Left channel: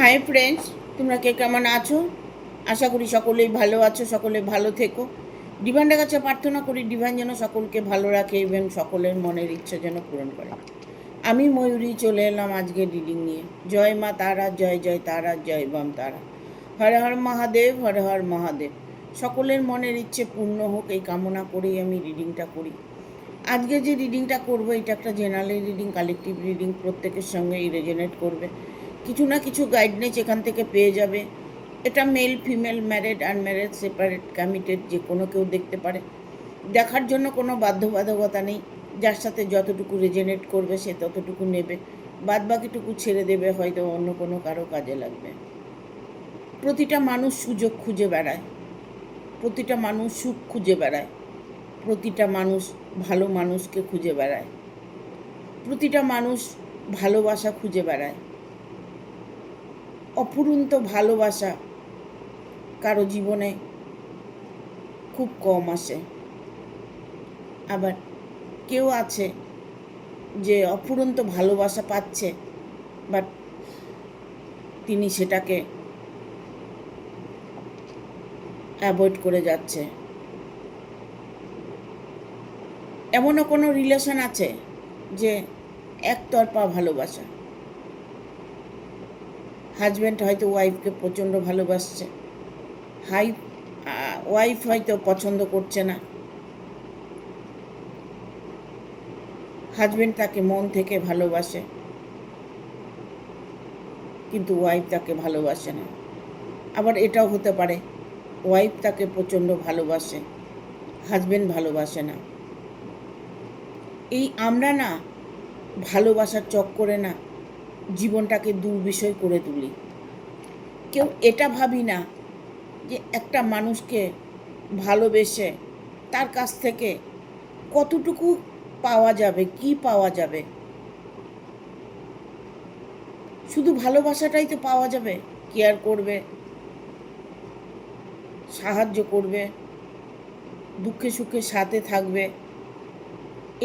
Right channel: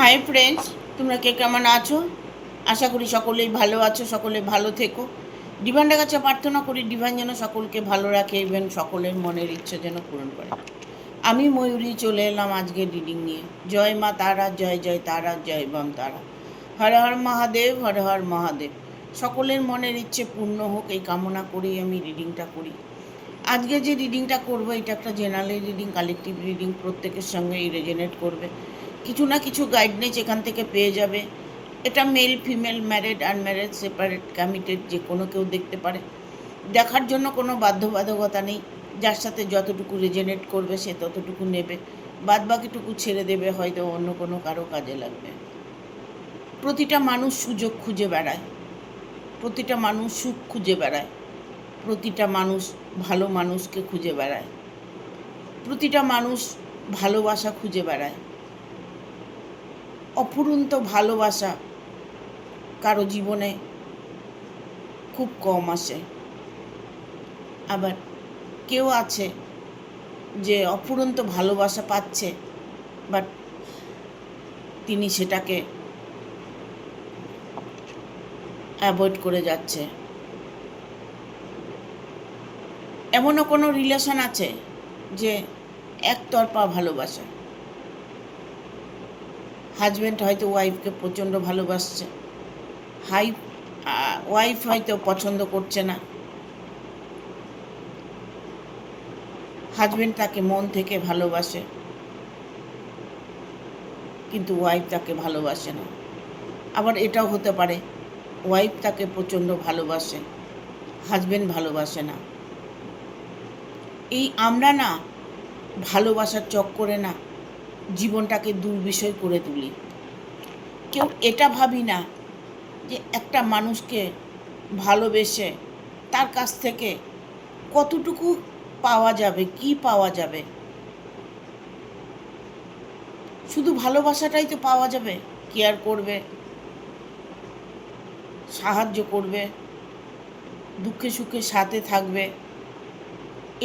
Hi friends, তোমরা কে কেমন আছো? আশা করি সকলেই ভালো আছো, সকলে ভালো থেকো। ডিভাইনের কাছে প্রার্থনা করি ডিভাইন যেন সকলকে ভালো রাখে এবং সকলের মনের ইচ্ছা যেন পূরণ করে। আমি ময়ূরী চলে এলাম আজকে রিডিং নিয়ে। জয় মা তারা, জয় জয় তারা, জয় বাম তারা। হর হর মহাদেব, হর হর মহাদেব। সকলের মনের ইচ্ছে পূর্ণ হোক এই কামনা করেই আমি রিডিংটা করি। আজকে যে রিডিংটা করবো এটা একটা জেনারেল রিডিং, কালেকটিভ রিডিং, প্রত্যেকের সঙ্গেই রেজোনেট করবে। কিছু না কিছু গাইডলাইন্স এখান থেকে পেয়ে যাবে। এটা male female, married unmarried, separate committed, যে কোনো কেউ দেখতে পারে। দেখার জন্য কোনো বাধ্যবাধকতা নেই। যার সাথে যতটুকু রেজোনেট করবে সে ততটুকু নেবে, বাদ বাকিটুকু ছেড়ে দেবে, হয়তো অন্য কোনো কারো কাজে লাগবে। প্রতিটা মানুষ সুযোগ খুঁজে বেড়ায়, প্রতিটা মানুষ সুখ খুঁজে বেড়ায়, প্রতিটা মানুষ ভালো মানুষকে খুঁজে বেড়ায়, প্রতিটা মানুষ ভালোবাসা খুঁজে বেড়ায়। অফুরন্ত ভালোবাসা কারো জীবনে খুব কম আসে। আবার কেউ আছে যে অফুরন্ত ভালোবাসা পাচ্ছে, বাট তিনি সেটাকে অ্যাভয়েড করে যাচ্ছে। এমনও কোনো রিলেশন আছে যে একতরফা ভালোবাসা। হাজব্যান্ড হয়তো ওয়াইফকে প্রচণ্ড ভালোবাসছে, ওয়াইফ হয়তো পছন্দ করছে না, হাজব্যান্ড তাকে মন থেকে ভালোবাসে কিন্তু ওয়াইফ তাকে ভালোবাসে না। আবার এটাও হতে পারে ওয়াইফ তাকে প্রচণ্ড ভালোবাসে, হাজব্যান্ড ভালোবাসে না। এই আমরা না ভালোবাসার চক্করে না জীবনটাকে দুর্বিষয় করে তুলি। কেউ এটা ভাবি না যে একটা মানুষকে ভালোবেসে তার কাছ থেকে কতটুকু পাওয়া যাবে, কি পাওয়া যাবে। শুধু ভালোবাসাটাই তো পাওয়া যাবে, কেয়ার করবে, সাহায্য করবে, দুঃখে সুখে সাথে থাকবে,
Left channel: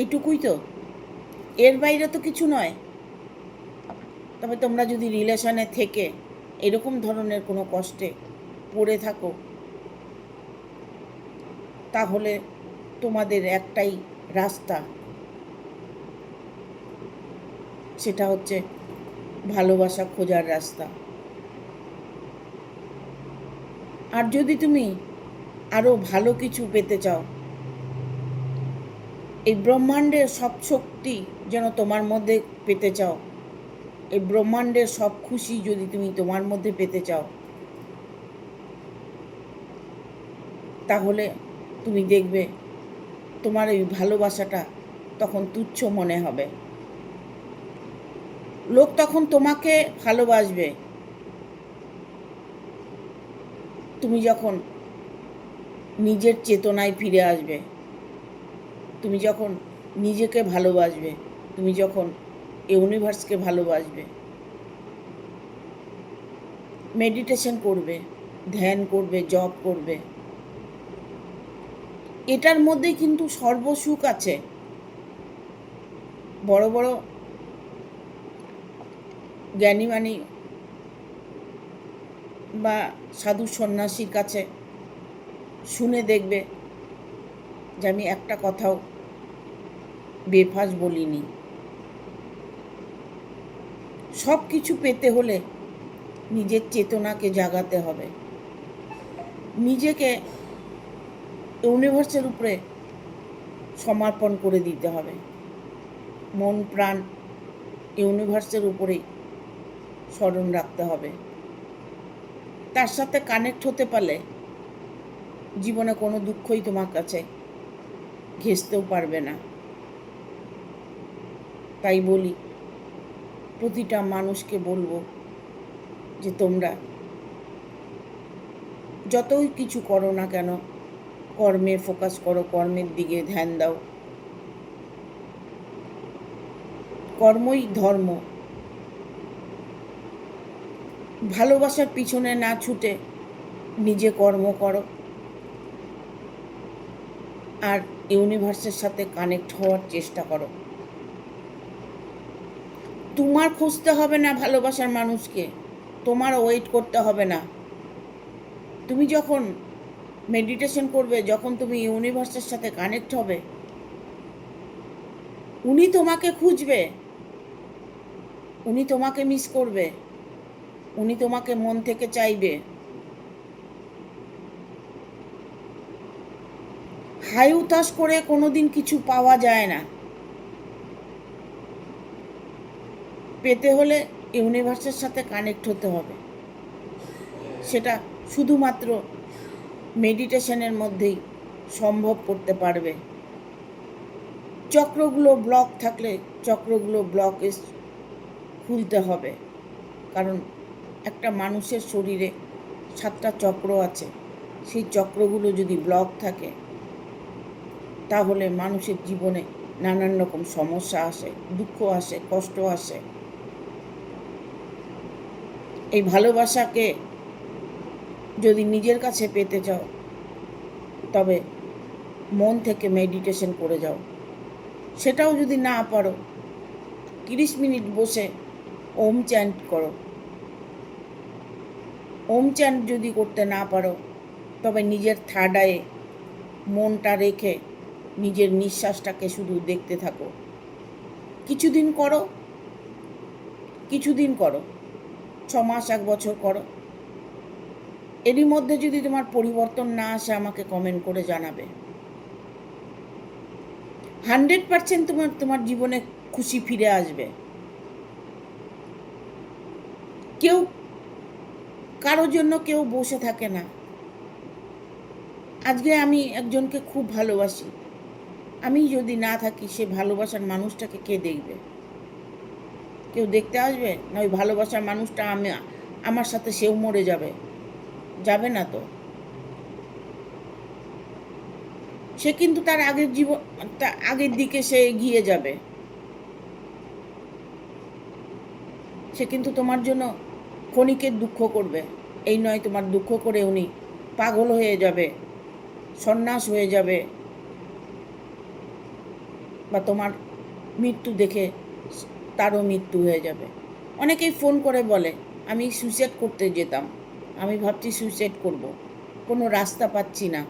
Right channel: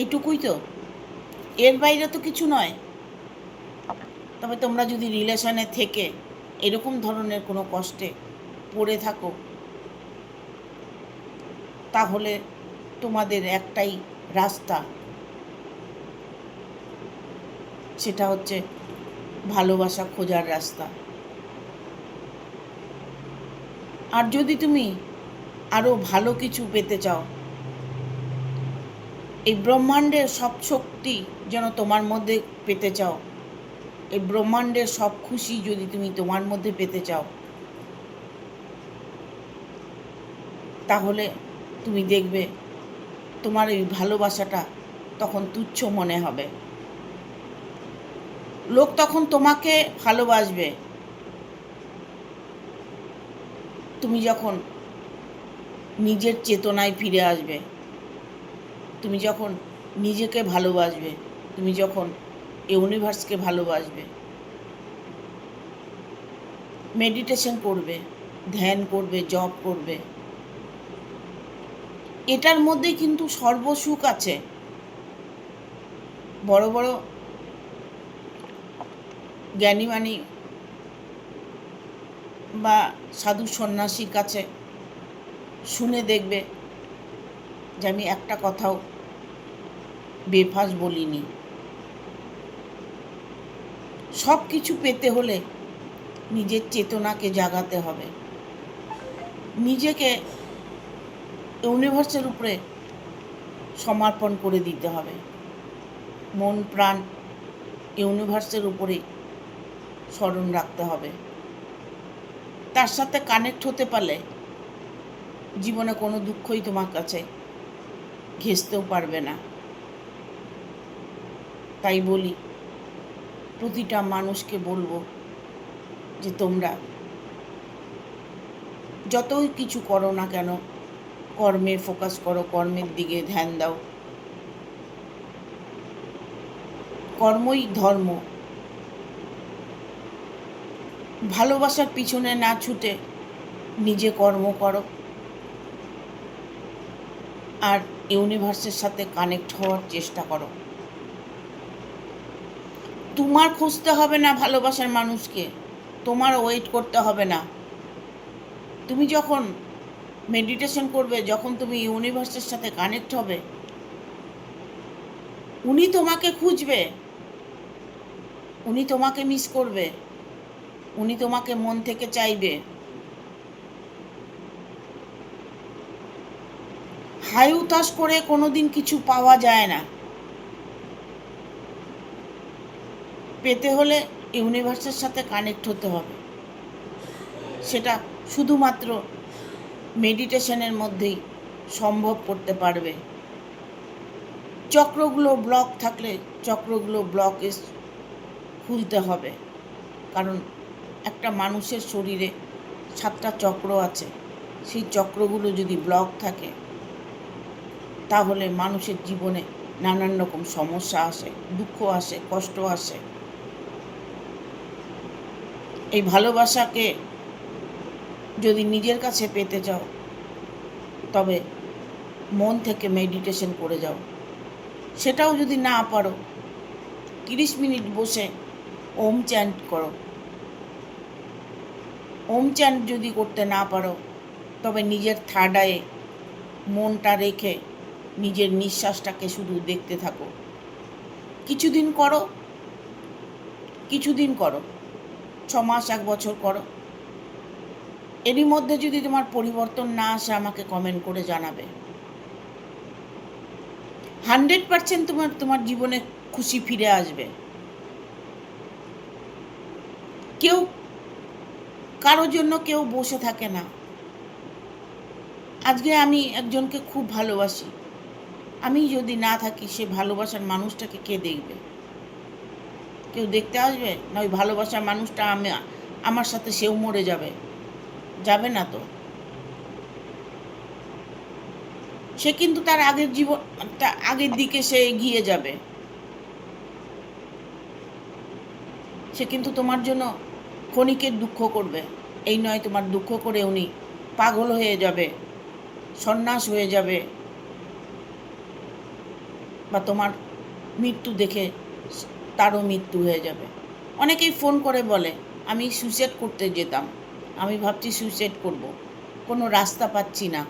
এটুকুই তো, এর বাইরে তো কিছু নয়। তবে তোমরা যদি রিলেশনে থেকে এরকম ধরনের কোনো কষ্টে পড়ে থাকো, তাহলে তোমাদের একটাই রাস্তা, সেটা হচ্ছে ভালোবাসা খোঁজার রাস্তা। আর যদি তুমি আরও ভালো কিছু পেতে চাও, এই ব্রহ্মাণ্ডের সব শক্তি যেন তোমার মধ্যে পেতে চাও, এই ব্রহ্মাণ্ডের সব খুশি যদি তুমি তোমার মধ্যে পেতে চাও, তাহলে তুমি দেখবে তোমার এই ভালোবাসাটা তখন তুচ্ছ মনে হবে। লোক তখন তোমাকে ভালোবাসবে তুমি যখন নিজের চেতনায় ফিরে আসবে, তুমি যখন নিজেকে ভালোবাসবে, তুমি যখন ইউনিভার্সকে ভালোবাসবে, মেডিটেশন করবে, ধ্যান করবে, জপ করবে। এটার মধ্যেই কিন্তু সর্বসুখ আছে। বড় বড় জ্ঞানীমানী বা সাধু সন্ন্যাসীর কাছে শুনে দেখবে যে আমি একটা কথাও বেফাস বলিনি। সব কিছু পেতে হলে নিজের চেতনাকে জাগাতে হবে, নিজেকে ইউনিভার্সের উপরে সমর্পণ করে দিতে হবে, মন প্রাণ ইউনিভার্সের উপরেই স্মরণ রাখতে হবে। তার সাথে কানেক্ট হতে পারলে জীবনে কোনো দুঃখই তোমার কাছে ঘেঁষতেও পারবে না। তাই বলি, প্রতিটা মানুষকে বলবো যে তোমরা যতই কিছু করো না কেন, কর্মে ফোকাস করো, কর্মের দিকে ধ্যান দাও। কর্মই ধর্ম। ভালোবাসার পিছনে না ছুটে নিজে কর্ম করো আর ইউনিভার্সের সাথে কানেক্ট হওয়ার চেষ্টা করো। তোমার খুঁজতে হবে না ভালোবাসার মানুষকে, তোমার ওয়েট করতে হবে না। তুমি যখন মেডিটেশন করবে, যখন তুমি ইউনিভার্সের সাথে কানেক্ট হবে, উনি তোমাকে খুঁজবে, উনি তোমাকে মিস করবে, উনি তোমাকে মন থেকে চাইবে। হাই উতাস করে কোনোদিন কিছু পাওয়া যায় না। পেতে হলে ইউনিভার্সের সাথে কানেক্ট হতে হবে। সেটা শুধুমাত্র মেডিটেশনের মধ্যেই সম্ভব করতে পারবে। চক্রগুলো ব্লক থাকলে চক্রগুলো ব্লকেজ খুলতে হবে। কারণ একটা মানুষের শরীরে 7টা চক্র আছে। সেই চক্রগুলো যদি ব্লক থাকে তাহলে মানুষের জীবনে নানান রকম সমস্যা আসে, দুঃখ আসে, কষ্ট আসে। এই ভালোবাসাকে যদি নিজের কাছে পেতে চাও তবে মন থেকে মেডিটেশন করে যাও। সেটাও যদি না পারো 30 মিনিট বসে ওম চ্যান্ট করো। ওম চ্যান্ট যদি করতে না পারো তবে নিজের থার্ড আইয়ে মনটা রেখে নিজের নিঃশ্বাসটাকে শুধু দেখতে থাকো। কিছুদিন করো, 6 মাস 1 বছর করো। এরই মধ্যে যদি তোমার পরিবর্তন না আসে আমাকে কমেন্ট করে জানাবে। 100% তোমার জীবনে খুশি ফিরে আসবে। কেউ কারোর জন্য কেউ বসে থাকে না। আজকে আমি একজনকে খুব ভালোবাসি, আমি যদি না থাকি সে ভালোবাসার মানুষটাকে কে দেখবে? কেউ দেখতে আসবে? না ওই ভালোবাসার মানুষটা আমার সাথে সেও মরে যাবে? যাবে না তো। সে কিন্তু তার আগের দিকে সে এগিয়ে যাবে। সে কিন্তু তোমার জন্য ক্ষণিকের দুঃখ করবে, এই নয় তোমার দুঃখ করে উনি পাগল হয়ে যাবে, সন্ন্যাস হয়ে যাবে, বা তোমার মৃত্যু দেখে তারও মৃত্যু হয়ে যাবে। অনেকেই ফোন করে বলে আমি সুইসাইড করতে যেতাম, আমি ভাবছি সুইসাইড করব, কোনো রাস্তা পাচ্ছি না,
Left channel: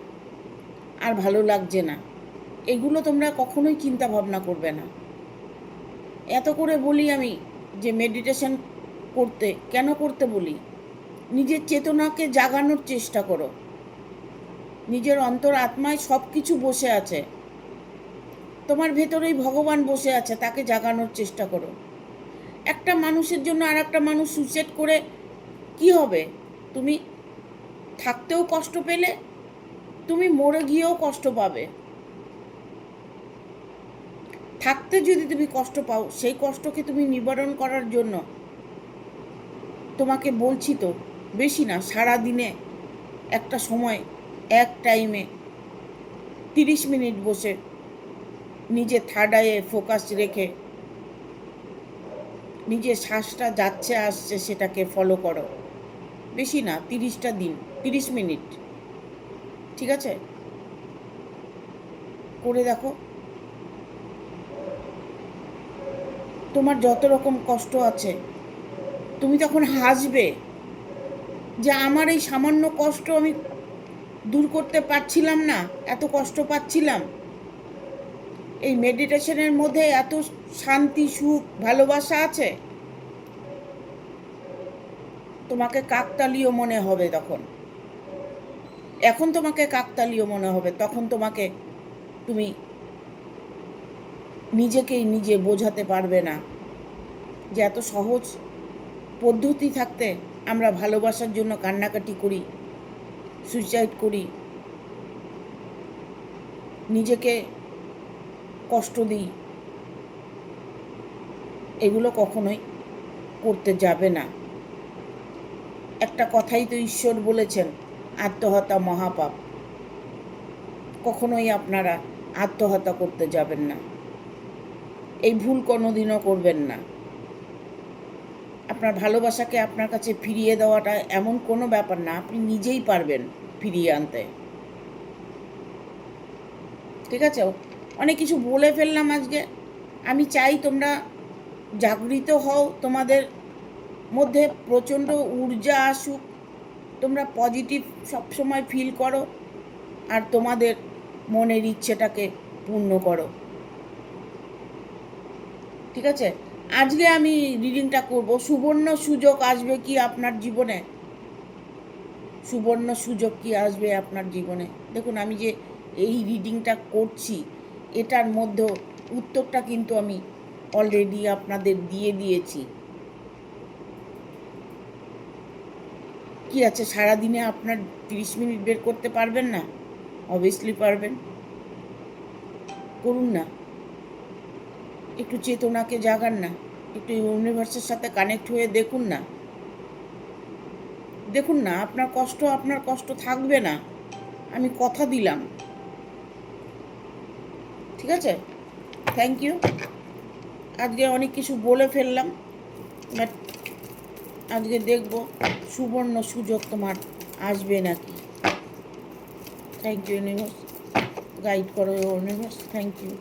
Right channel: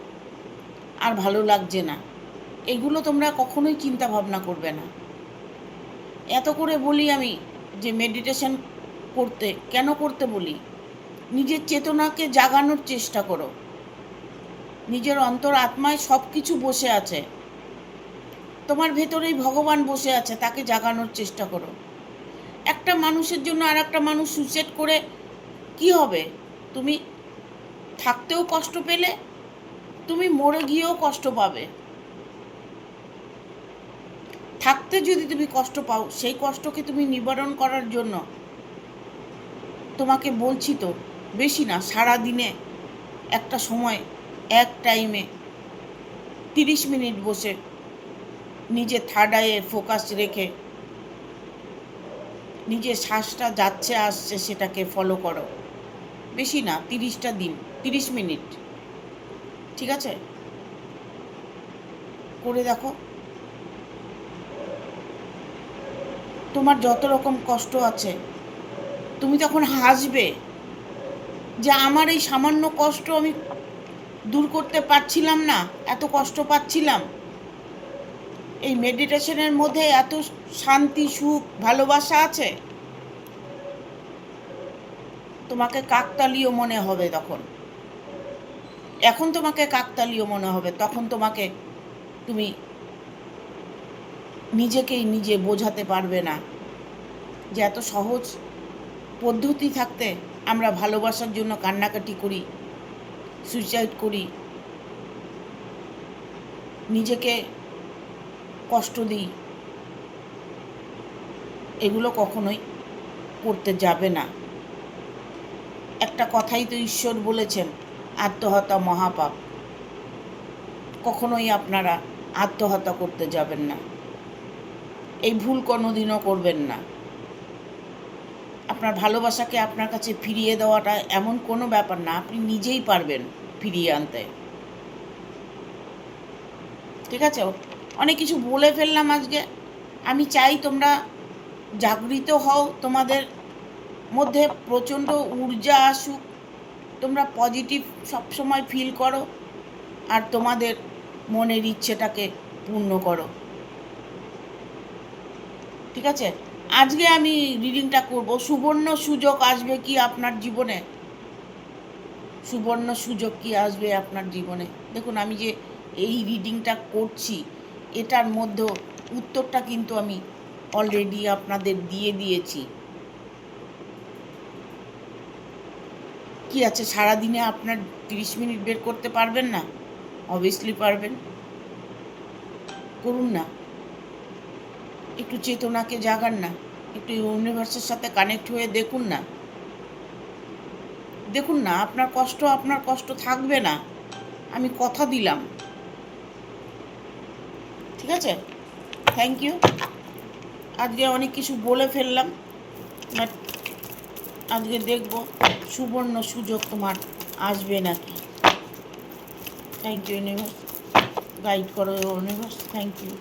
আর ভালো লাগছে না। এগুলো তোমরা কখনোই চিন্তা ভাবনা করবে না। এত করে বলি আমি যে মেডিটেশন কেন করতে বলি? নিজের চেতনাকে জাগানোর চেষ্টা করো। নিজের অন্তর আত্মায় সব কিছু বসে আছে, তোমার ভেতরেই ভগবান বসে আছে, তাকে জাগানোর চেষ্টা করো। একটা মানুষের জন্য আর একটা মানুষ সুইসাইড করে কি হবে? তুমি থাকতেও কষ্ট পেলে, তুমি মরে গিয়েও কষ্ট পাবে। থাকতে যদি তুমি কষ্ট পাও, সেই কষ্টকে তুমি নিবারণ করার জন্য তোমাকে বলছি তো, বেশি না, সারা দিনে একটা সময় এক টাইমে 30 মিনিট বসে নিজের থার্ড আইয়ে ফোকাস রেখে নিজের শ্বাসটা যাচ্ছে আসছে সেটাকে ফলো করো। বেশি না, 30টা দিন, 30 মিনিট, ঠিক আছে? করে দেখো। তোমার যত রকম কষ্ট আছে তুমি তখন হাসবে যে আমার এই সামান্য কষ্ট আমি দূর করতে পারছিলাম না, এত কষ্ট পাচ্ছিলাম। এই মেডিটেশনের মধ্যে এত শান্তি, সুখ, ভালোবাসা আছে। তোমাকে কাকতালীয় মনে হবে তখন। এখন তোমাকে কাকতালীয় মনে হবে, তখন তুমি নিজেকেই নিজে বোঝাতে পারবে না যে এত সহজ পদ্ধতি থাকতে আমরা ভালোবাসার জন্য কান্নাকাটি করি, সুইসাইড করি, নিজেকে কষ্ট দিই। এগুলো কখনোই করতে যাবে না। একটা কথাই তো ঈশ্বর বলেছেন, আত্মহত্যা মহাপাপ। কখনোই আপনারা আত্মহত্যা করতে যাবেন না, এই ভুল কোনোদিনও করবেন না। আপনার ভালোবাসাকে আপনার কাছে ফিরিয়ে দেওয়াটা এমন কোনো ব্যাপার না, আপনি নিজেই পারবেন ফিরিয়ে আনতে, ঠিক আছে? অনেক কিছু বলে ফেললাম আজকে। আমি চাই তোমরা জাগৃত হও, তোমাদের মধ্যে প্রচণ্ড ঊর্জা আসুক, তোমরা পজিটিভ সবসময় ফিল করো আর তোমাদের মনের ইচ্ছেটাকে পূর্ণ করো। ঠিক আছে, আজকে আমি রিডিংটা করব। সুবর্ণ সুযোগ আসবে কি আপনার জীবনে? সুবর্ণ সুযোগ কি আসবে আপনার জীবনে? দেখুন, আমি যে এই রিডিংটা করছি এটার মধ্যে উত্তরটা কিন্তু আমি অলরেডি আপনাদের দিয়ে দিয়েছি। কি আছে, সারাদিনে আপনার 30 মিনিট বের করতে পারবেন না? অবভিয়াসলি পারবেন, করুন না। একটু চেতনাকে জাগান না, একটু ইউনিভার্সের সাথে কানেক্ট হয়ে দেখুন না। দেখুন না, আপনার কষ্ট থাকবে না, আমি কথা দিলাম। ঠিক আছে, থ্যাংক ইউ। আজকে অনেক কিছু বলে ফেললাম, বাট আজকে দেখব সুবর্ণ সুযোগ তোমার আসবে নাকি। থ্যাংক ইউ ইউনিভার্স, গাইড করো universe, thank you.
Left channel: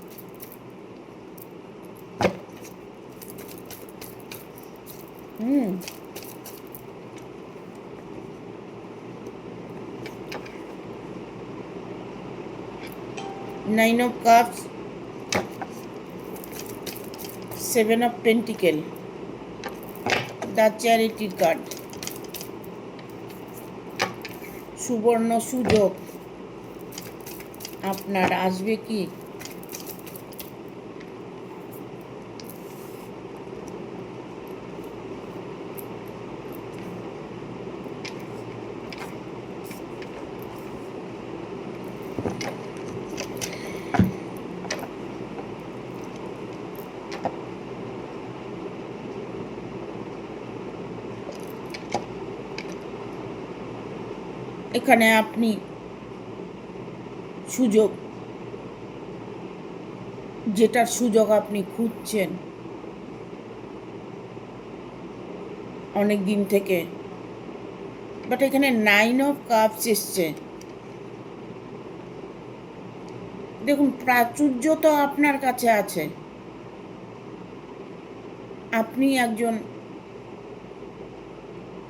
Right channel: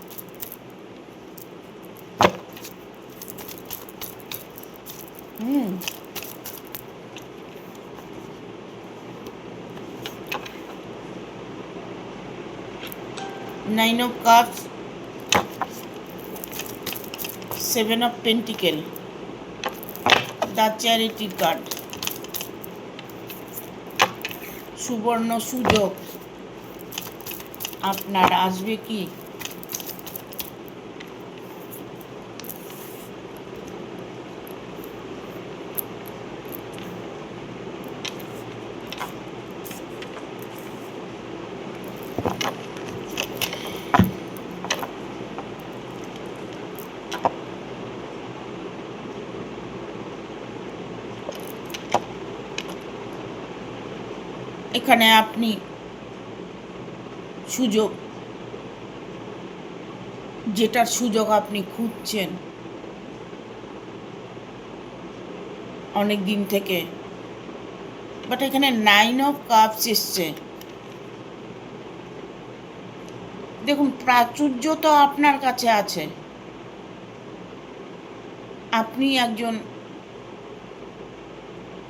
Nine of Cups, Seven of Pentacles, the Charity card, সুবর্ণ সুযোগ আপনার আসবে কি? এখানে আপনি সুযোগ, যেটার সুযোগ আপনি খুঁজছেন অনেক দিন থেকে, বাট এখানে 9 অফ কাপস এসছে। দেখুন, প্রাচুর্য তো আপনার কাছে আছে, আপনি একজন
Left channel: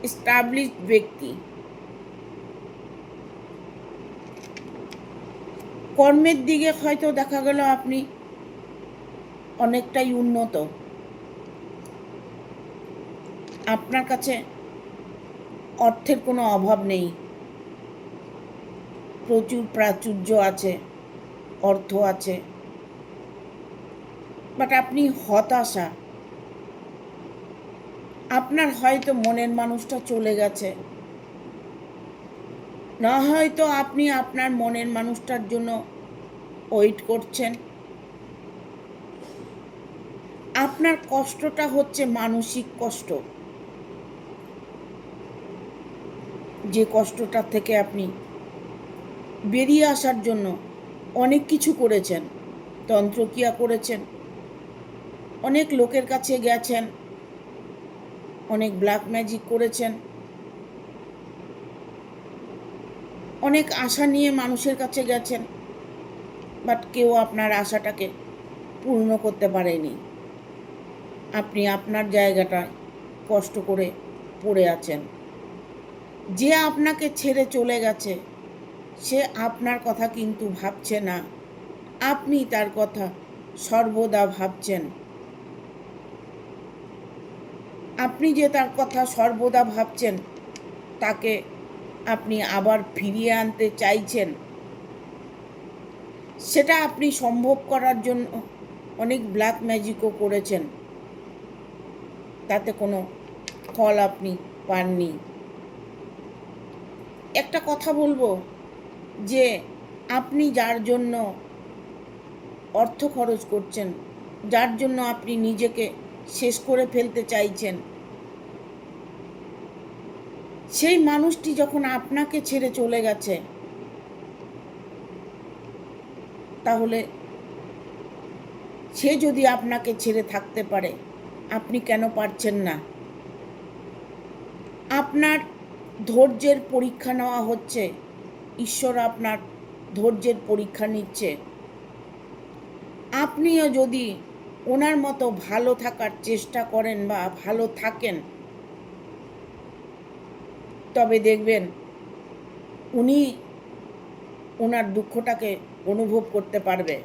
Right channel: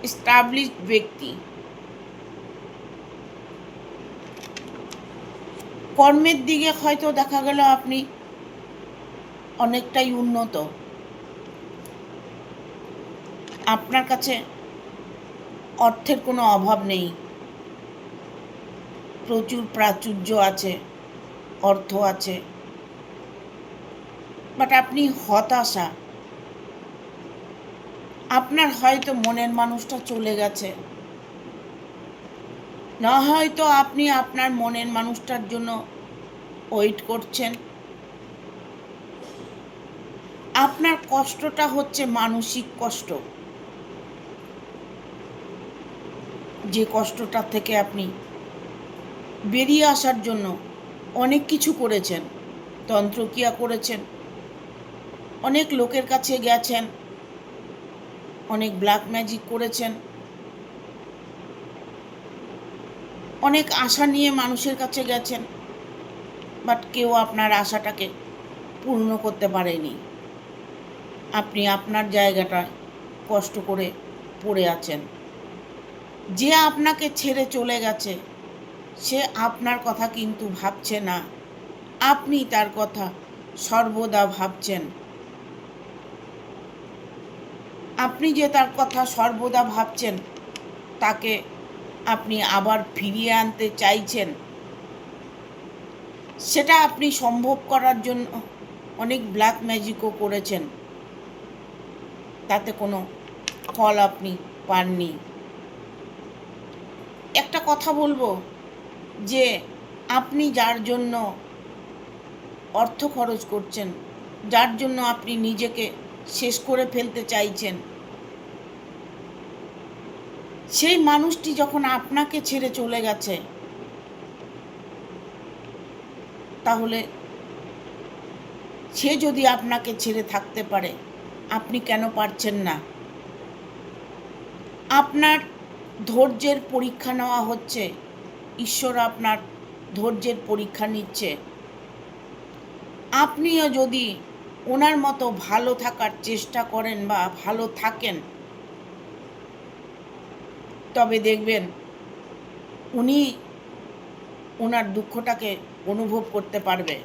এস্টাবলিশড ব্যক্তি। কর্মের দিকে হয়তো দেখা গেল আপনি অনেকটাই উন্নত, আপনার কাছে অর্থের কোনো অভাব নেই, প্রচুর প্রাচুর্য আছে, অর্থ আছে, বাট আপনি হতাশা। আপনার হয়তো মনের মানুষটা চলে গেছে, না হয়তো আপনি আপনার মনের মানুষটার জন্য ওয়েট করছেন। আপনার কষ্টটা হচ্ছে মানসিক কষ্ট, যে কষ্টটা থেকে আপনি বেরিয়ে আসার জন্য অনেক কিছু করেছেন, তন্ত্রক্রিয়া করেছেন, অনেক লোকের কাছে গেছেন, অনেক ব্ল্যাক ম্যাজিক করেছেন, অনেক আশা নিয়ে মানুষের কাছে গেছেন, বাট কেউ আপনার আশাটাকে পূর্ণ করতে পারেনি। আপনি আপনার জায়গাটায় কষ্ট করে পড়ে আছেন। যে আপনাকে ছেড়ে চলে গেছে সে আপনার কথা কিন্তু ভাবছে না, আপনি তার কথা সর্বদা ভাবছেন। আপনি যে তার কথা সর্বদা ভাবছেন, তাকে আপনি আবার ফিরিয়ে আনতে চাইছেন, সেটা আপনি সম্ভব করার জন্য অনেক ব্ল্যাক ম্যাজিকও করেছেন, তাতে কোনো ফল আপনি পাননি। একটা কথা বলবো, যে আপনি যার জন্য অর্থ খরচ করছেন, যার জন্য আপনি নিজেকে শেষ করে ফেলতে চাইছেন, সেই মানুষটি যখন আপনাকে ছেড়ে চলে গেছে, তাহলে সে যদি আপনাকে ছেড়ে থাকতে পারে, আপনি কেন পারছেন না? আপনার ধৈর্যের পরীক্ষা নেওয়া হচ্ছে, ঈশ্বর আপনার ধৈর্যের পরীক্ষা নিচ্ছে। আপনিও যদি ওনার মতো ভালো থাকার চেষ্টা করেন বা ভালো থাকেন, তবে দেখবেন উনি ওনার দুঃখটাকে অনুভব করতে পারবে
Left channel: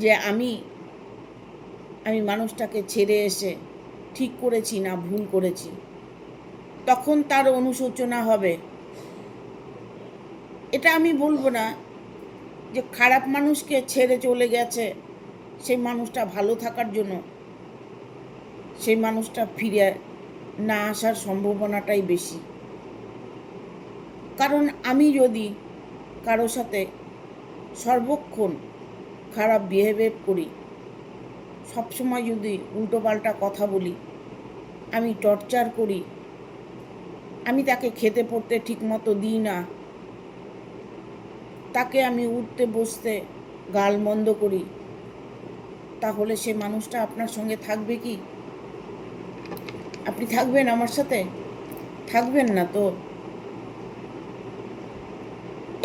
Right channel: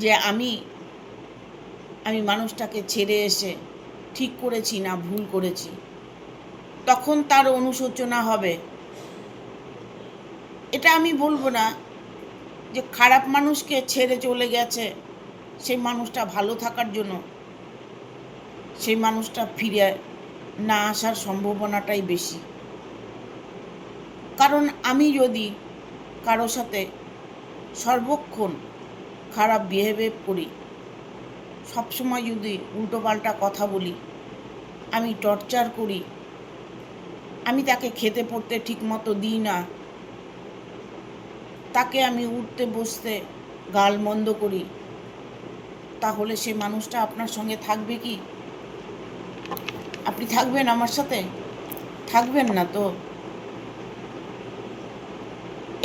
যে আমি মানুষটাকে ছেড়ে এসে ঠিক করেছি না ভুল করেছি। তখন তার অনুশোচনা হবে। এটা আমি বলবো না যে খারাপ মানুষকে ছেড়ে চলে গেছে সেই মানুষটা ভালো থাকার জন্য সেই মানুষটা ফিরে না আসার সম্ভাবনাটাই বেশি। কারণ আমি যদি কারোর সাথে সর্বক্ষণ খারাপ বিহেভিয়ার করি, সবসময় যদি উল্টোপাল্টা কথা বলি, আমি টর্চার করি, আমি তাকে খেতে পড়তে ঠিকমতো দিই না, তাকে আমি উঠতে বসতে গালমন্দ করি, তাহলে সে মানুষটা আপনার সঙ্গে থাকবে কি? আপনি থাকবেন আমার সাথে? থাকবেন না তো।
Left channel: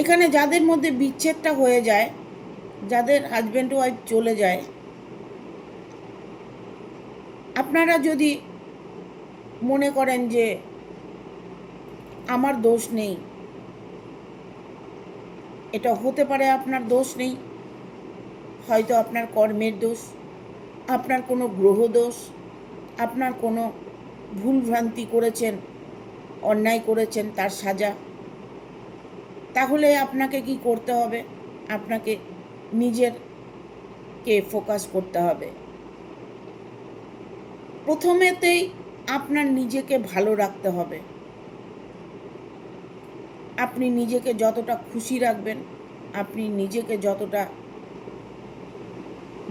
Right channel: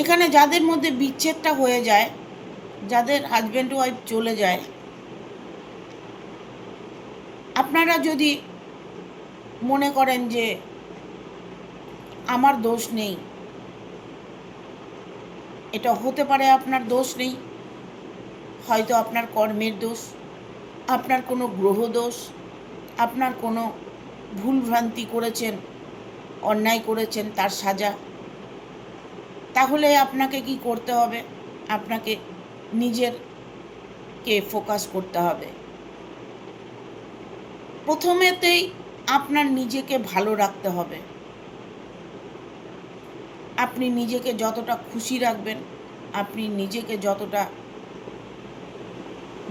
এখানে যাদের মধ্যে বিচ্ছেদটা হয়ে যায়, যাদের হাজব্যান্ড ওয়াইফ চলে যায়, আপনারা যদি মনে করেন যে আমার দোষ নেই, এটা হতে পারে আপনার দোষ নেই, হয়তো আপনার কর্মের দোষ, আপনার কোনো গ্রহ দোষ, আপনার কোনো ভুলভ্রান্তি করেছেন, অন্যায় করেছেন, তার সাজা। তাহলে আপনাকে কি করতে হবে? আপনাকে নিজেরকে ফোকাস করতে হবে। প্রথমেতেই আপনার নিজেকে ভালো রাখতে হবে। আপনি নিজেকে যতটা খুশি রাখবেন, আপনি নিজেকে যতটা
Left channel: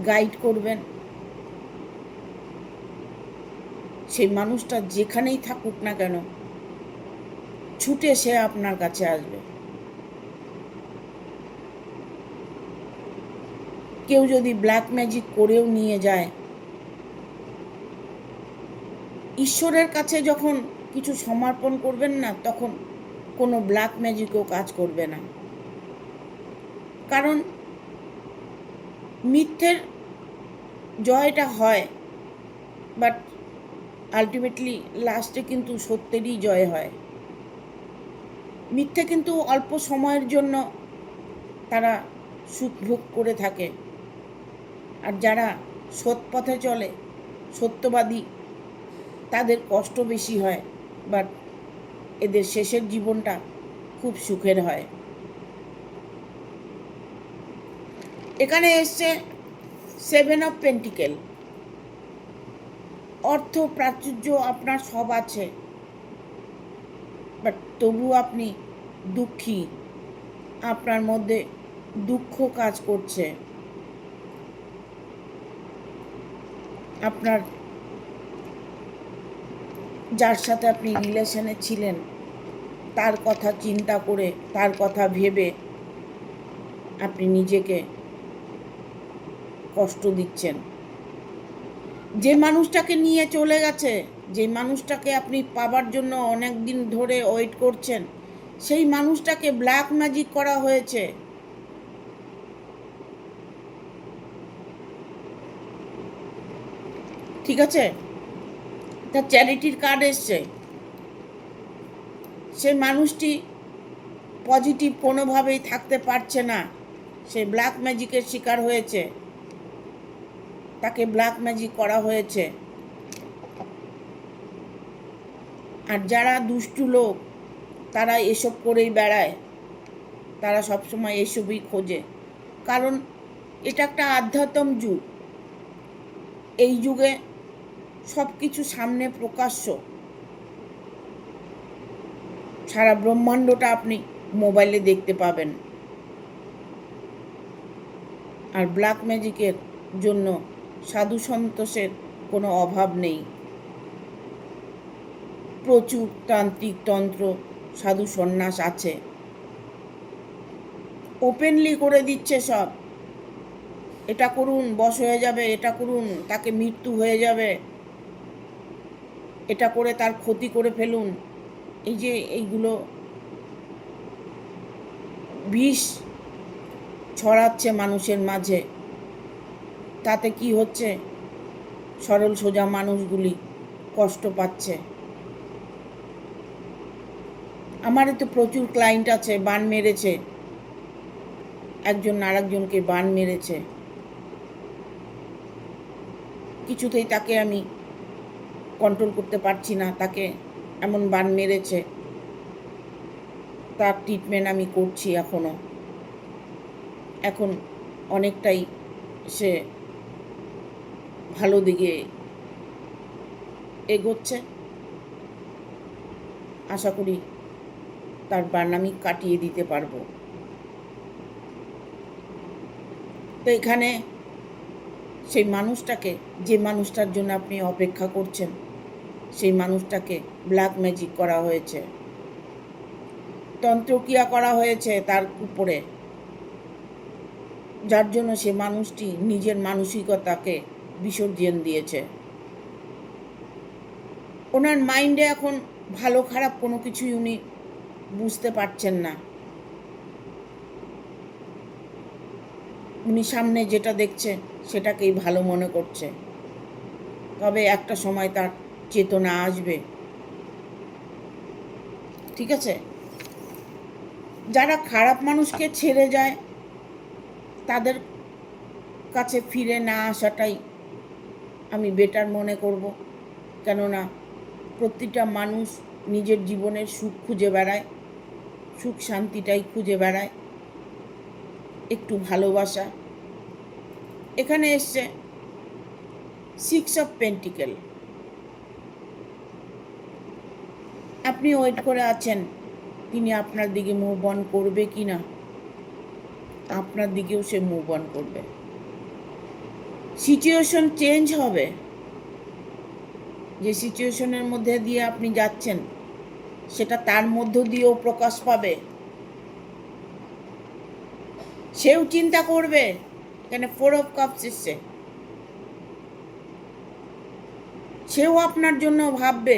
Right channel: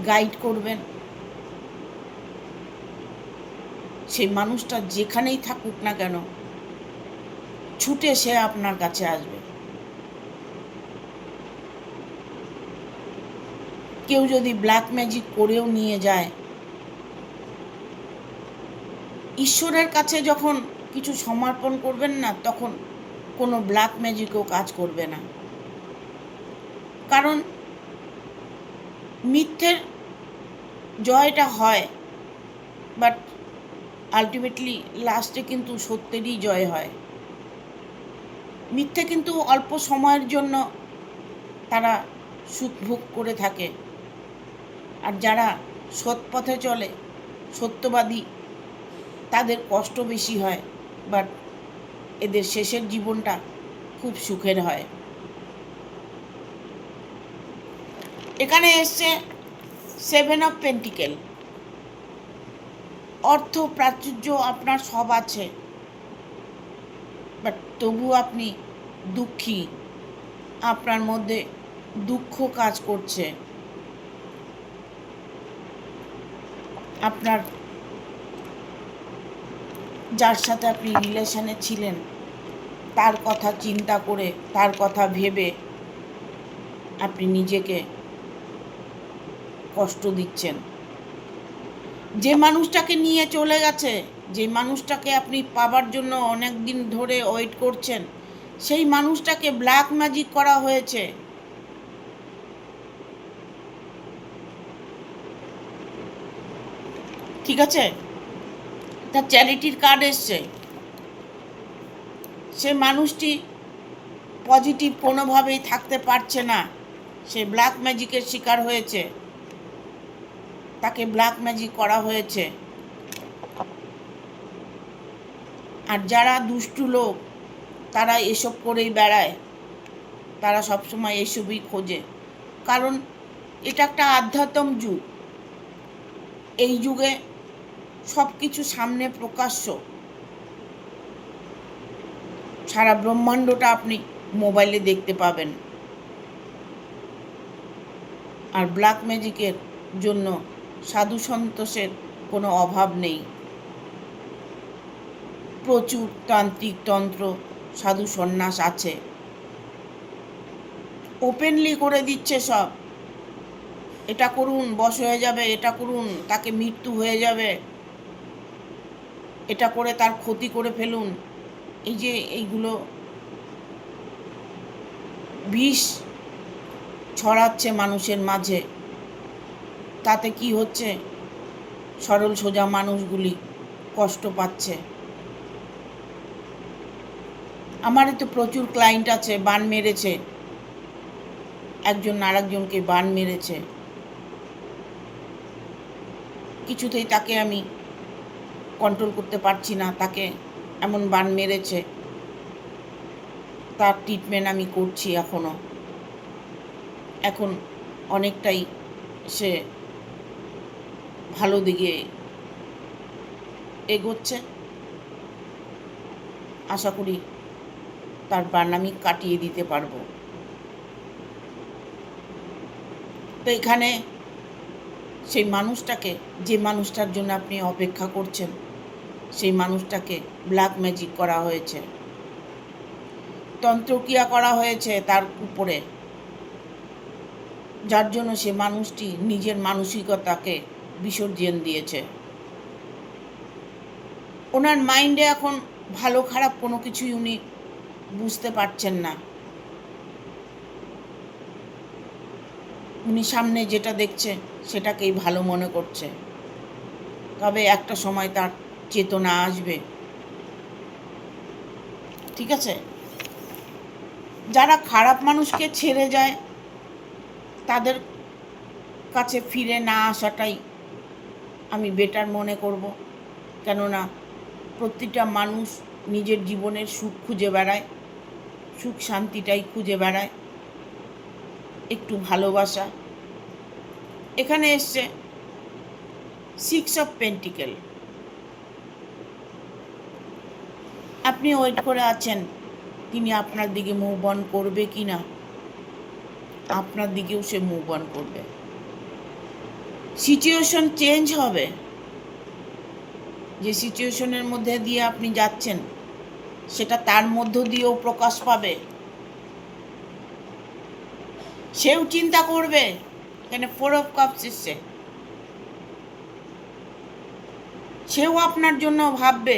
গাইড করবেন, সেই মানুষটা যেখানেই থাকুক না কেন ছুটে সে আপনার কাছে আসবে। কেউ যদি ব্ল্যাক ম্যাজিক করেও নিয়ে যায়, ঈশ্বরের কাছে যখন কিছু সমর্পণ করবেন না, তখন কোনো ব্ল্যাক ম্যাজিকও কাজ করবে না। কারণ মিথ্যের জয়টা হয়, বাট আলটিমেটলি লাস্টে কিন্তু সত্যেরই জয় হয়। মিথ্যে কিন্তু অল্প সময়ের জন্য তারা সুখ ভোগ করে থাকে, আর যারা সৎ পথে চলে, সত্যবাদী, তাদের কষ্ট বেশি হয়, বাট এদের শেষের জীবনটা খুব সুখের হয়। এখানে এসছে 7 অফ পেন্টিকেল। অর্থ প্রাচুর্য আপনার সব আছে, বাট তবু আপনি দুঃখী, আপনার মধ্যে দুঃখ কাজ করছে। আপনার যার সাথে আপনি রিলেশনে ছিলেন তার কথা চিন্তা করে, তার কথা ভেবে আপনি নিজেকে কষ্ট দিচ্ছেন। যে মানুষটাকে নিয়ে চলে গেছে, যে মানুষটাকে আপনি পাবার জন্য অনেক দিন ধরে ওয়েট করছেন, সেই মানুষটাকে ব্ল্যাক ম্যাজিক করা হয়েছে। ঠিক আছে, তার চ্যারিটির কার্ড এসছে। সে মানুষটি পজিটিভ কোনোভাবেই থাকতে পারছে না, সে ব্ল্যাক ম্যাজিকের শিকার হয়েছে, তাকে ব্ল্যাক ম্যাজিক করা হয়েছে। আর যারা দুষ্টু লোক তারা এসব করেই বেড়ায়, তারা সবসময় এসবই খোঁজে। কারণ এটা একটা আধ্যাত্ম যুগ। এই যুগে সব কিছু সামনে প্রকাশ্য। সারা ব্রহ্মাণ্ডটা আপনি মোবাইলে দেখতে পাবেন। আর ব্ল্যাক ম্যাজিকের জন্য সাধু সন্তোষের কোনো অভাব নেই। প্রচুর তান্ত্রিক তন্ত্র সাধু সন্ন্যাস আছে, ওপেনলি করে দিচ্ছে সব। এটা করুন বশ হয়ে যাবে, এটা করুন তাকে মৃত্যু হয়ে যাবে, এটা করে তার ক্ষতি করে ফেলুন। এই যে এইগুলো বিষ ছড়াচ্ছে মানুষের মাঝে, তাতে কি হচ্ছে? সরল সোজা মানুষগুলি কষ্ট পাচ্ছে। আমারও তো প্রচুর ক্লায়েন্ট আছে বান মেরেছে, একজন আরেকজনকে বান মেরেছে, কিছুতেই তাকে আমি কন্ট্রোল করতে পারছি না, তাকে এমন বান মেরেছে, তার ট্রিটমেন্ট আমি করছি এখন অনেকটাই সে ভালো দিকে এগোচ্ছে। আশা করি তার বান আমি কাটিয়ে দিতে পারবো। তো এখানে সেই মানুষটাকে, যে মানুষটার জন্য আপনি অপেক্ষা করছেন, সেই মানুষটাকে ব্ল্যাক ম্যাজিক করা হয়েছে, তন্ত্রক্রিয়া করা হয়েছে তার উপরে, যার জন্য সে মানুষটি নিজের মানসিকতাকে বিসর্জন দিয়েছে। ওনার মাইন্ডে এখন ভালো খারাপ কোনো কিছুই উনি বুঝতে পারছেন না। উনি সামনে যেটা দেখছে সেটাকেই ভালো মনে করছে। তবে একটা সময় তার চেতনা আসবে, ঠিক আছে? যারা খারাপ মানুষকে ছেড়ে যায় তাদের কাছে ফিরে না আসাটাই আমি বেটার মনে করব। কেননা প্রতিটা মানুষ নিজের জীবনের সুখ খুঁজে বেড়ায়, সুখ শান্তিটাই খুঁজে বেড়ায়, একটু ভালোবাসা। এখানে এসছে 6 অফ পেন্টিকেল। আপনি ওয়েট করে আছেন তিনি আপনার দিকে মুভ অন করবে কি না, আপনার দিকেও সে মুভ অন করবে। সিচুয়েশন চেঞ্জ হবে, যে সিচুয়েশনের মধ্যে দিয়ে আপনি যাচ্ছেন সেটা তার মধ্য দিয়েও প্রকাশ পাবে। সেও চিন্তা করবে। এখানে 4 অফ কাপস এসছে, সেও আপনার জন্য ভাববে,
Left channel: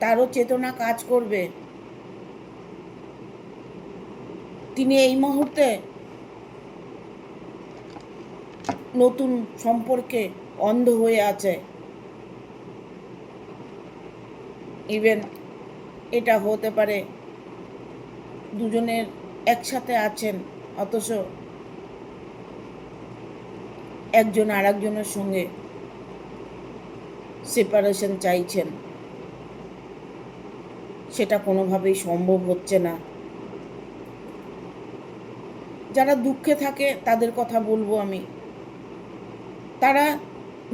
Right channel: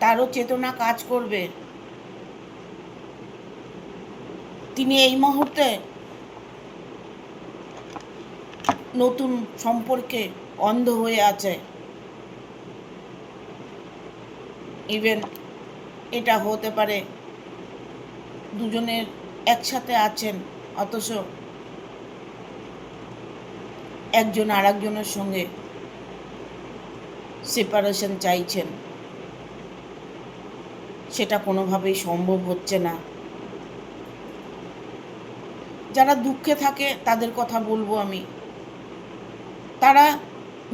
তারও চেতনা কাজ করবে। তিনি এই মুহূর্তে নতুন সম্পর্কে অন্ধ হয়ে আছে। ইভেন এটা হতে পারে দুজনের একসাথে আছেন অথচ একজন আরেকজনের সঙ্গে সেপারেশন চাইছেন, সেটা কোনোভাবেই সম্ভব হচ্ছে না। যারা দুঃখে থাকে তাদের কথা বলবো আমি, তারা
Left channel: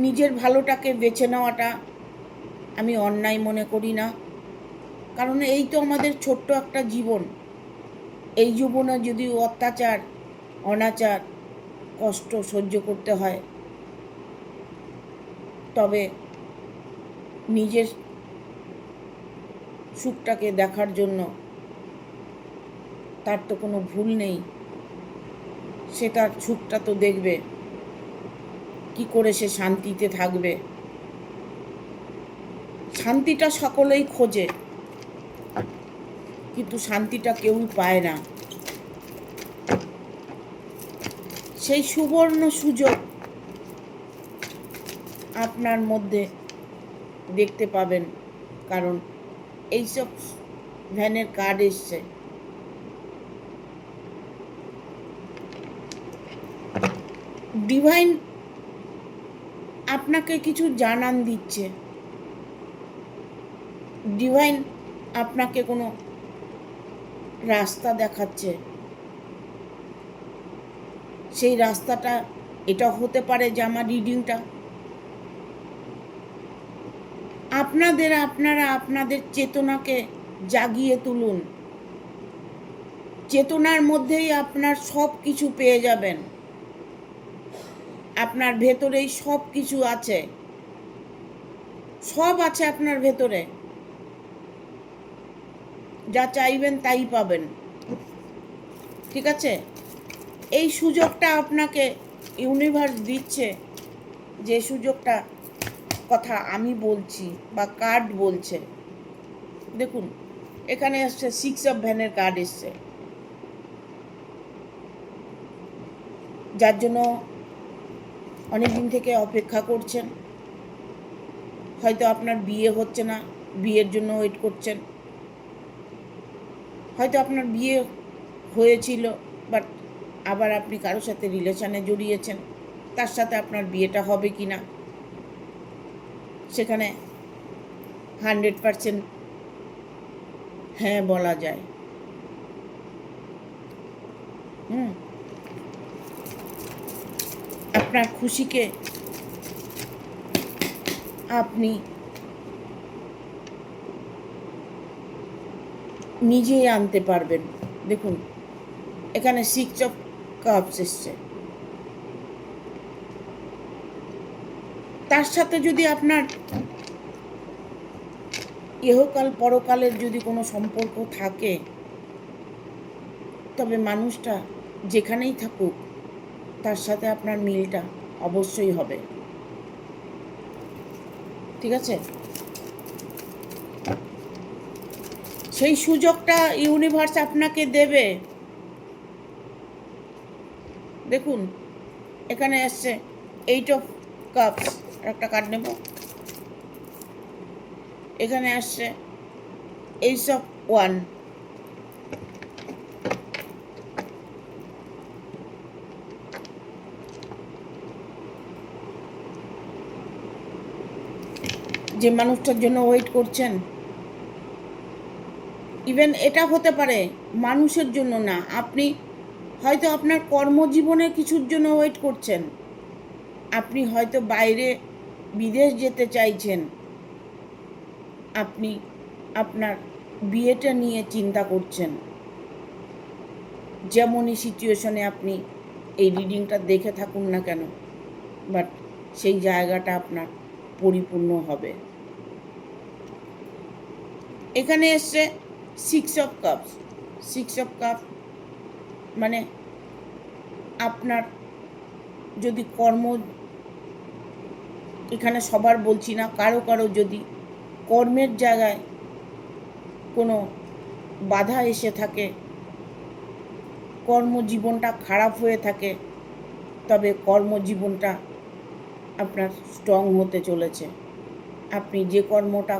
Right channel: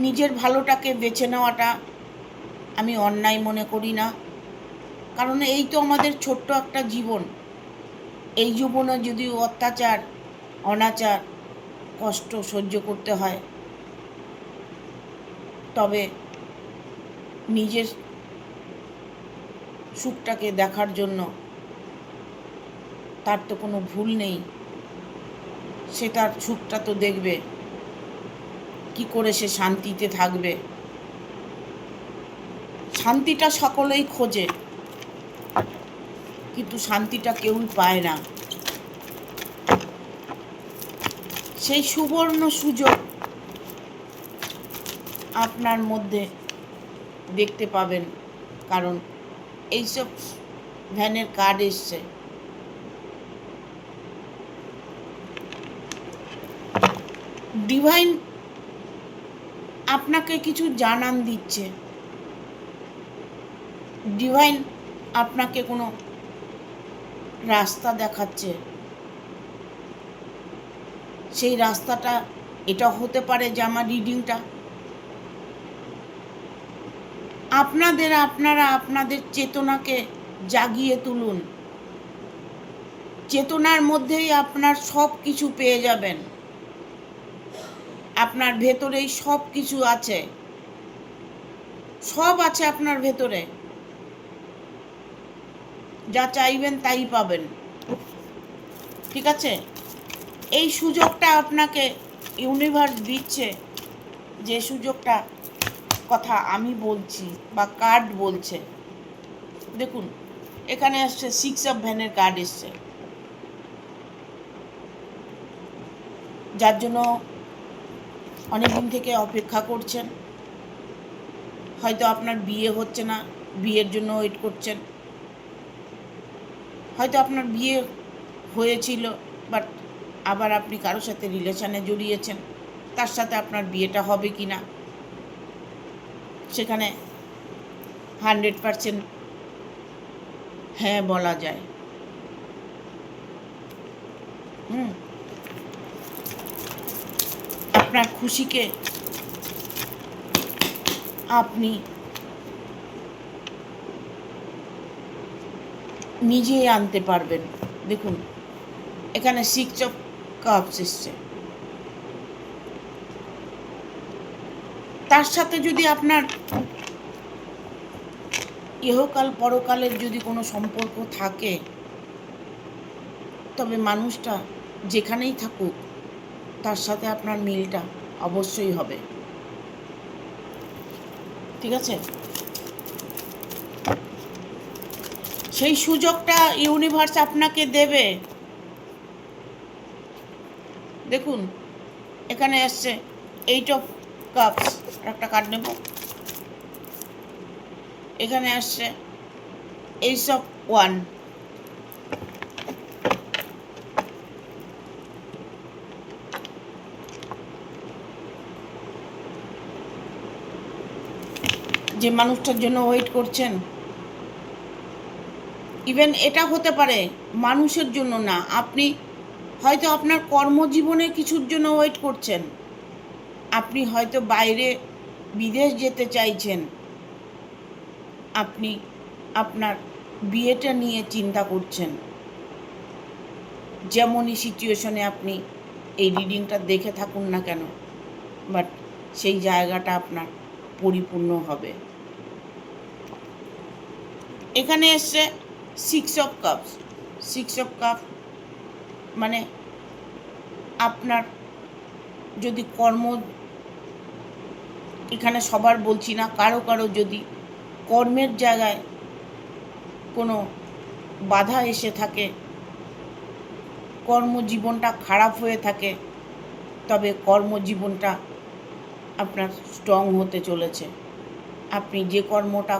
নিজের ভালোটাকে বেছে নেওয়াটা আমি অন্যায় মনে করি না। কারণ এই তো আমাদের ছোট্ট একটা জীবন। এই জীবনে যদি অত্যাচার, অনাচার, কষ্ট সহ্য করতে হয়, তবে নিজের সুখটাকে দেখার জন্য তার তো কোনো ভুল নেই। সে তার সুখটা তো দেখবে, কি করে সে শান্তিতে থাকবে। শান্তিটা সকলেই খোঁজে, কিন্তু শান্তিটা কেউই পায় না। সেই সুবর্ণ সুযোগ আপনার মধ্যে দেখতে পাবেন, কারণ এইসব ভ্যানের কার্ড এসছে। ডিভাইন আপনাকে কিছু জানান দিচ্ছে, ডিভাইন আপনাকে কোনো রাস্তা দেখাচ্ছে। সেই রাস্তাটা এটা হতে পারে যে আমার রিডিংটা আপনারা আপনাদের চেতনাকে জাগিয়ে তুলুন। চেতনার মধ্যেই আপনার সব কিছু পেয়ে যাবেন। আপনার ভেতরেই সব কিছু আছে, সব আছে আপনার ভেতরে। যা চাইবেন তাই পাবেন, ঠিক আছে? এই সুযোগটা আপনাকে ইউনিভার্স দিচ্ছে, যে সুযোগটা কথা আমি বলছি বা কার্ড বলছে। দেখুন এখানে এসছে 6 অফ ভ্যানের কার্ড এসছে, যার জন্য অনেকদিন থেকে অপেক্ষা করছেন। হয়তো আপনার বিয়ে হচ্ছে না, বিয়ের জন্য ওয়েট করছেন। হয়তো আপনার বিয়ে হয়েছিল, বাট আবার আপনি কারোর সাথে রিলেশনে জড়িয়েছেন, তার সাথে আপনার বিয়েটা হবে কি না সেখানে 100% হ্যাঁ বলা যায়। আপনার খুশিকে আপনি নিজেই আনতে পারবেন। দেখুন এখানে 6 অফ কাপস এসছে। তার সাথে যদি আপনার ইহকাল পরকালের যদি কোনো সম্পর্ক থাকে, তবে মানুষটা যেখানেই থাকুক তার সাথে আপনার মিলটা অবশ্যই হবে। ঠিক আছে? সেই সুযোগটা ইউনিভার্স আপনাকে দেবে। দেখুন এখানে এসছে 8 অফ কাপস, একটা কার্ড নেব। এখানে আসছে এইস অফ ওয়ান। যে মানুষটার জন্য ওয়েট করছেন, ইভেন এটা হতে পারে মানুষের জন্য না, আপনি হয়তো আপনার কর্মজীবনে কিছুর জন্য ওয়েট করছেন, আপনি হয়তো বাইরে বিদেশ যেতে চাইছেন, আপনি আপনার বিয়েটা নিয়ে চিন্তা করছেন। যেমনই সিচুয়েশনে আপনি এই রিডিংটা দেখে থাকুন না কেন, বাট সেই জায়গাটা আপনার পরিপূর্ণ হবে। এখানে এসছে 6 অফ কাপস। 6 অফ কাপ মানে আপনার যদি কর্ম, এখানে সবার বলছি না, কারো কারো যদি কর্মের জায়গায় কোনো বাধা এসে থাকে, কর্মজীবনটা খারাপ হয়ে থাকে, তবে কর্মজীবনটা আপনার স্ট্রং হতে চলেছে। আপনি যে কর্মটা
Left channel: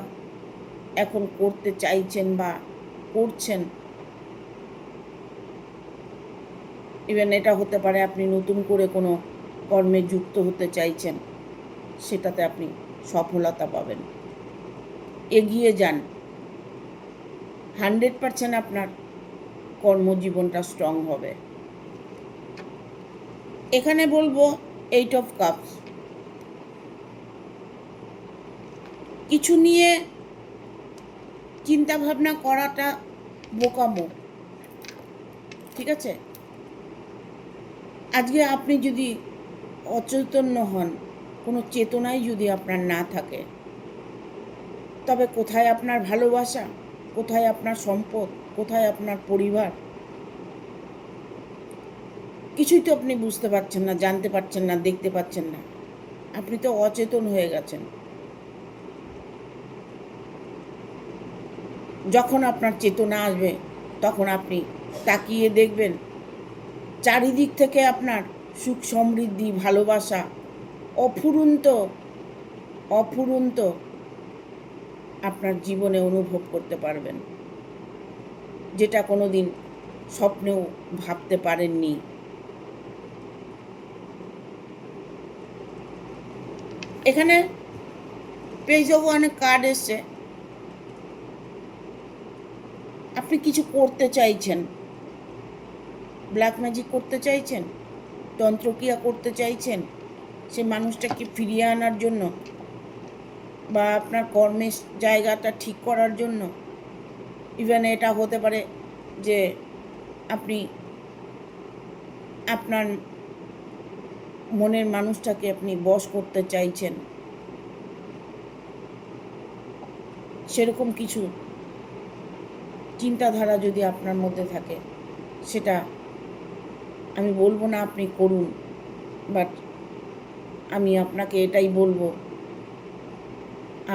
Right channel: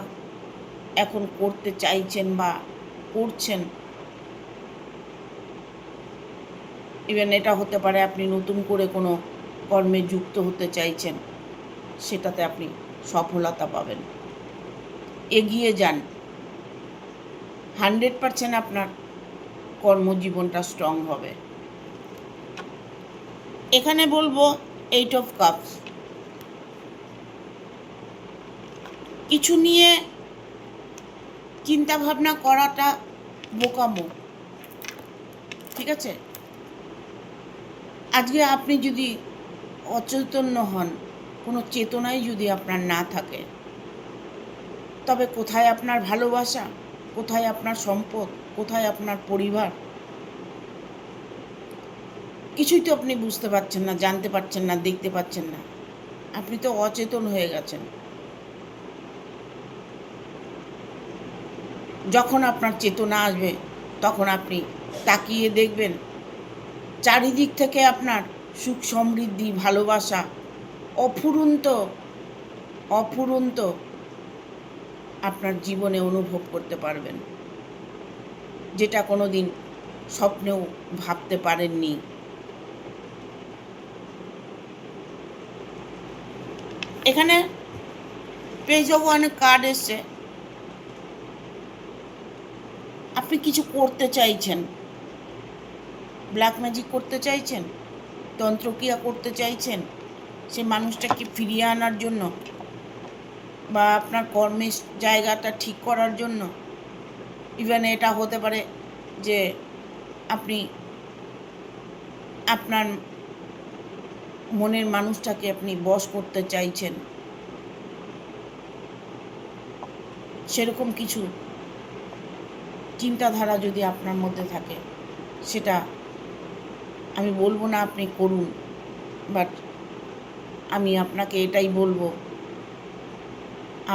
এখন করতে চাইছেন বা করছেন, ইভেন এটা হতে পারে আপনি নতুন করে কোনো কর্মে যুক্ত হতে চাইছেন, সেটাতে আপনি সফলতা পাবেন। এগিয়ে যান, 100% আপনার কর্মজীবনটা স্ট্রং হবে। এখানে বলবো 8 অফ কাপস। কিছু নিয়ে চিন্তা ভাবনা করাটা বোকামো। ঠিক আছে? আজকে আপনি যদি অচৈতন্য হন, কোনো চেতনাই যদি আপনার না থাকে, তবে কোথায় আপনার ভালোবাসা, কোথায় আপনার সম্পদ, কোথায় আপনার পরিবার, কিছুই তো আপনি বুঝতে পারছেন না, জানতে পারছেন না, দেখতে পাচ্ছেন না। আপনি তো অচেতন হয়ে গেছেন। যখন আপনার চেতনা আসবে, তখন আপনি তাকিয়ে দেখবেন চারিদিক থেকে আপনার সুখ সমৃদ্ধি ভালোবাসা অফুরন্ত অফুরন্ত আপনার জীবনে অনুভব করতে পারবেন, যেটা কোনো দিন স্বপ্নেও ভাবতে পারেননি। এখানে পেজ অফ ওয়ানের কার্ড এসছে। আপনি কিছু করতে চাইছেন, ব্ল্যাক ম্যাজিক করতে চাইছেন, তন্ত্রক্রিয়া করতে চাইছেন সেই মানুষটাকে ফিরিয়ে আনার জন্য, বা আপনার কর্মের জায়গাটা ঠিক করার জন্য। ইভেন এটা হতে পারে যে আপনি আপনার মনের মানুষটাকে আপনি বশ করতে চাইছেন, সেরকম কিছু চিন্তাধারা যদি আপনার মধ্যে থাকে, সেটা আমি বলবো না আপনি করুন, বাট আমি আপনাকে এটাই বলবো,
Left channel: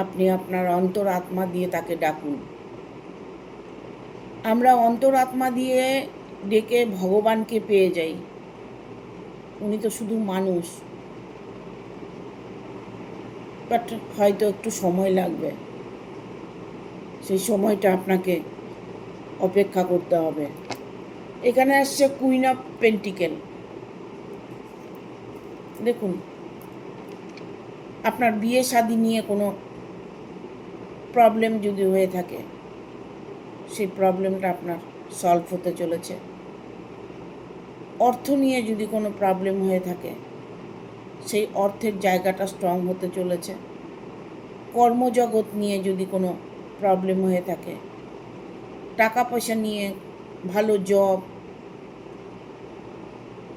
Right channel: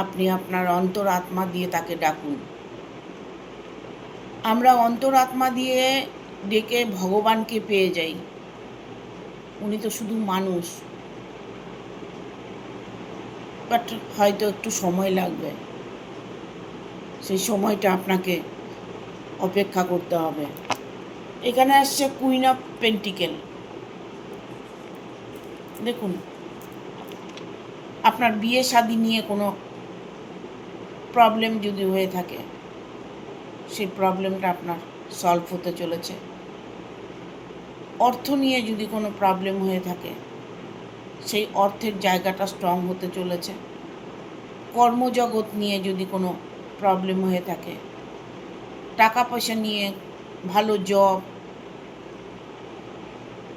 আপনি আপনার অন্তর আত্মা দিয়ে তাকে ডাকুন। আমরা অন্তর আত্মা দিয়ে ডেকে ভগবানকে পেয়ে যাই, উনি তো শুধু মানুষ, বাট হয়তো একটু সময় লাগবে। সেই সময়টা আপনাকে অপেক্ষা করতে হবে। এখানে আসছে কুইন অফ পেন্টিকেল। দেখুন, আপনার বিয়ে শাদী নিয়ে কোনো প্রবলেম যদি হয়ে থাকে, সেই প্রবলেমটা আপনার সলভ হতে চলেছে। অর্থ নিয়ে যদি কোনো প্রবলেম হয়ে থাকে, সেই অর্থের জায়গাটা স্ট্রং হতে চলেছে। কর্মজগৎ নিয়ে যদি কোনো প্রবলেম হয়ে থাকে, টাকা পয়সা নিয়ে, ভালো জব,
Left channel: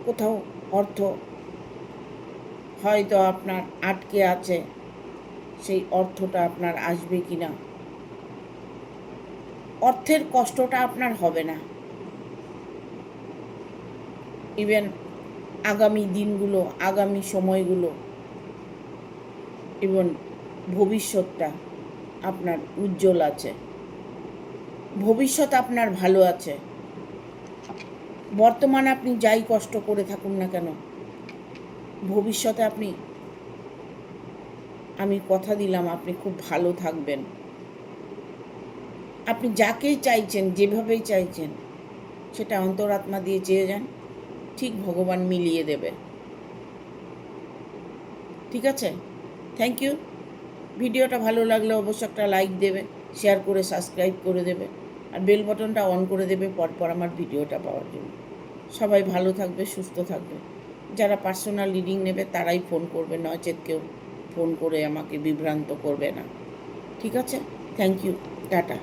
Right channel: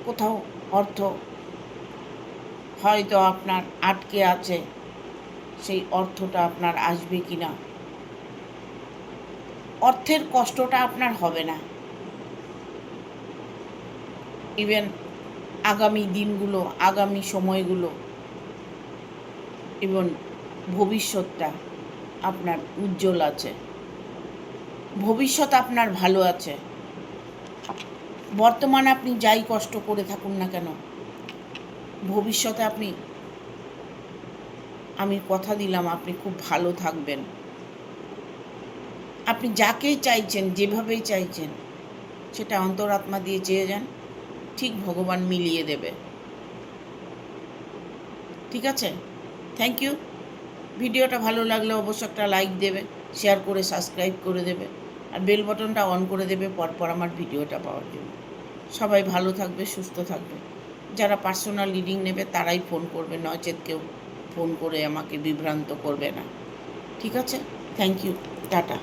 কোথাও অর্থ হয়তো আপনার আটকে আছে, সেই অর্থটা আপনার আসবে কি না, অর্থের কষ্টটা আপনার হবে না। ইভেন আগামী দিনগুলো, আগামী সময়গুলো এবং ভবিষ্যৎটা আপনার উজ্জ্বল আছে। ভবিষ্যৎ আপনার ভালো আছে। বর্তমানে আপনি যাই কষ্ট করে থাকুন না কেন, ভবিষ্যতে আমি কথা দিলাম আপনি খুব ভালো থাকবেন। আপনি যাকেই চাইছেন, যেভাবেই চাইছেন, সেটা অন্তরাত্মা দিয়ে চেয়ে যান, ঠিক ভগবান মিলিয়ে দেবে। ঠিক আছে? Thank you. ভিডিওটা ভালো লাগলে অবশ্যই একটা লাইক দেবে, শেয়ার করে সাবস্ক্রাইব করে দেবে, আর বেল বাটনটা অন করে দেবে পরপর আমার ভিডিওটা পাওয়ার জন্য। সবাই ভালো থাকবে, সুস্থ থাকবে। যারা পার্সোনাল রিডিং নেবে তারাই ফোন করবে, নচেত কেউ ফোন করে আমাকে বিভ্রান্ত করবে না। ঠিক আছে? Thank you. টাটা।